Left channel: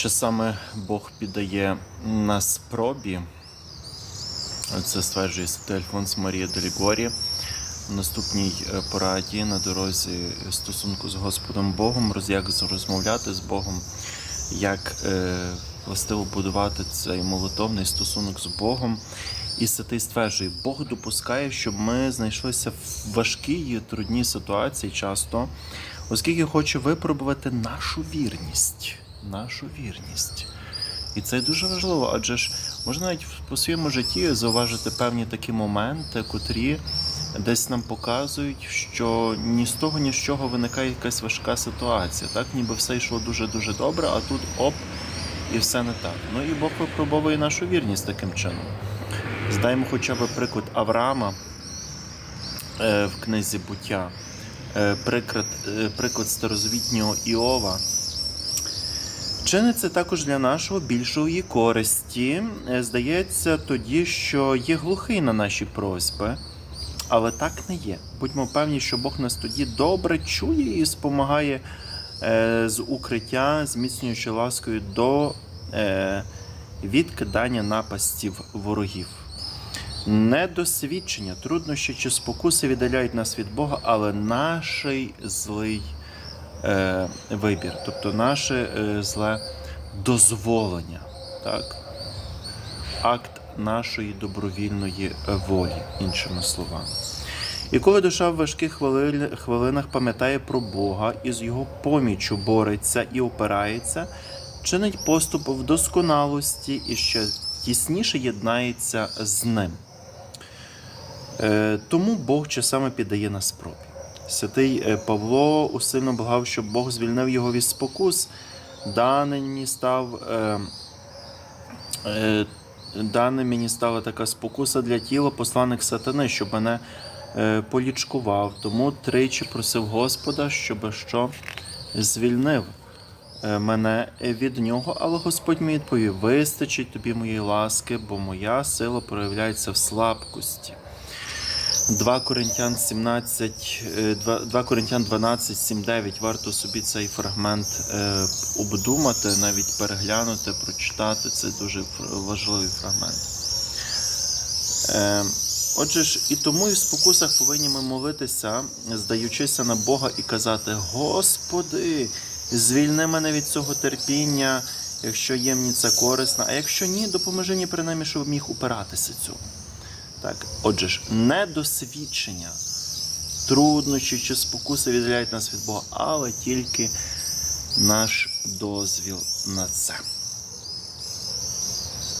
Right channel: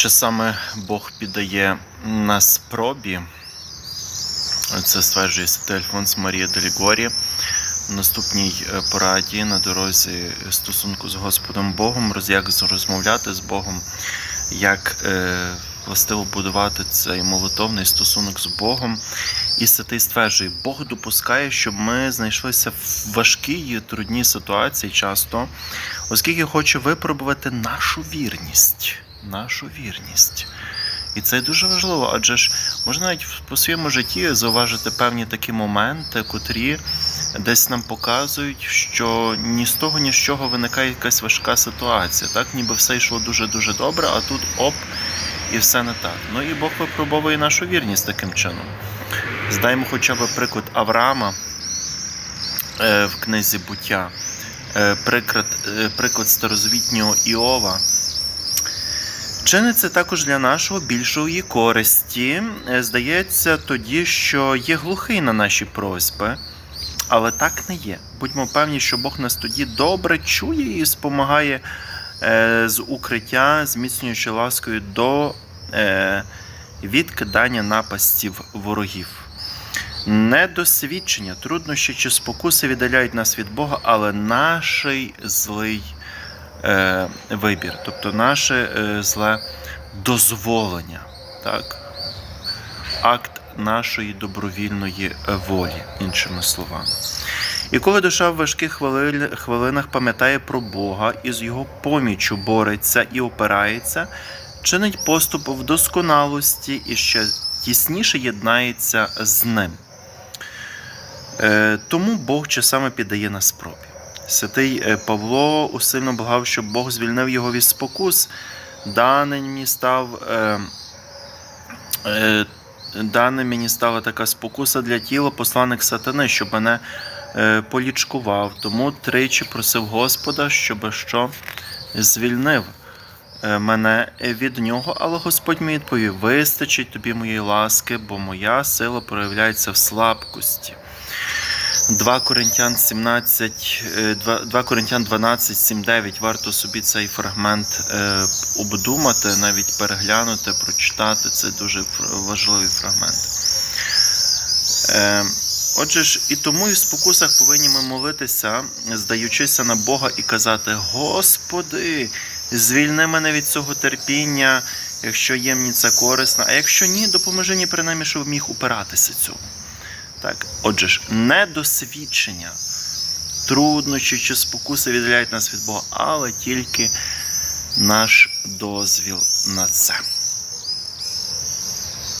Часами Бог піддає нас спробі. Це стверджує Альфонс Марія Делігорі в наступній е, пораді на дорозі стосунку з Господом Богом, як розмовляти з Богом, як е, властиво будувати цей молитовний стосунок з Богом. І святий стверджує, Бог допускає, щоб ми знайшлися в важкій, трудній ситуації часто, оскільки хоче випробувати нашу вірність. Нашу вірність. І це дуже важливо, адже ж можна навіть по своєму житті зауважити певні такі моменти, котрі десь нам показують, що ні з того, ні з чого виникає якась важка ситуація. Так, ніби все йшло дуже-дуже добре, а тут оп, і все не так. Ну і Бог випробовує нашу вірність таким чином. Здаємо хоча б приклад Авраама е, в книзі буття, е, приклад, е, приклад старозавітнього Іова. Чиниться також для нашого більшої користі. Е, Здається тоді, що є глухий на наші просьби, але так не є. Будьмо певні, що Бог нас тоді добре чує і спомагає е, з укриття, зміцнюючи ласкою до е, відкидання напастів ворогів. Недосвідчення, труднощі чи спокуси віддаляють нас від Бога, але наш злий е, вибір, тобто наше е, зле дозволення, так? акт нашої добровільної е, волі, іншими словами. І коли душа в важких хвилинах пам'ятає про Бога і з його поміччю бореться і опирається, чинить поступ в досконалості і ще тісніше єднається з ним. Е, Тому Бог часами піддає нас спробі. Святий е, Павло усильно благав, щоб Бог звільнив його від спокус. Даний мені став. Е, е, Дане мені стала така спокуса для тіла, посланник сатани, щоб мене е, полічкував. Тому тричі просив Господа, щоб що звільнив е, мене від нього. Але Господь мені відповів: вистачить тобі моєї ласки, бо моя сила проявляється в слабкості. 2 Коринтян 17, е, 2, 2 Коринтян 12, 7, 9. Варто собі цей фрагмент е, обдумати, навіть переглянути, прочитати. Це дуже важливий фрагмент. Е, Отже ж, і тому і в спокусах повинні ми молитися, здаючися на Бога і казати: Господи, звільни мене від цього терпіння, якщо є мені це корисно, а якщо ні, допоможи мені принаймні, щоб міг упиратися цьому. Так, отже ж, недосвідчення, труднощі чи спокуси віддаляють нас від Бога, але тільки наш дозвіл на це.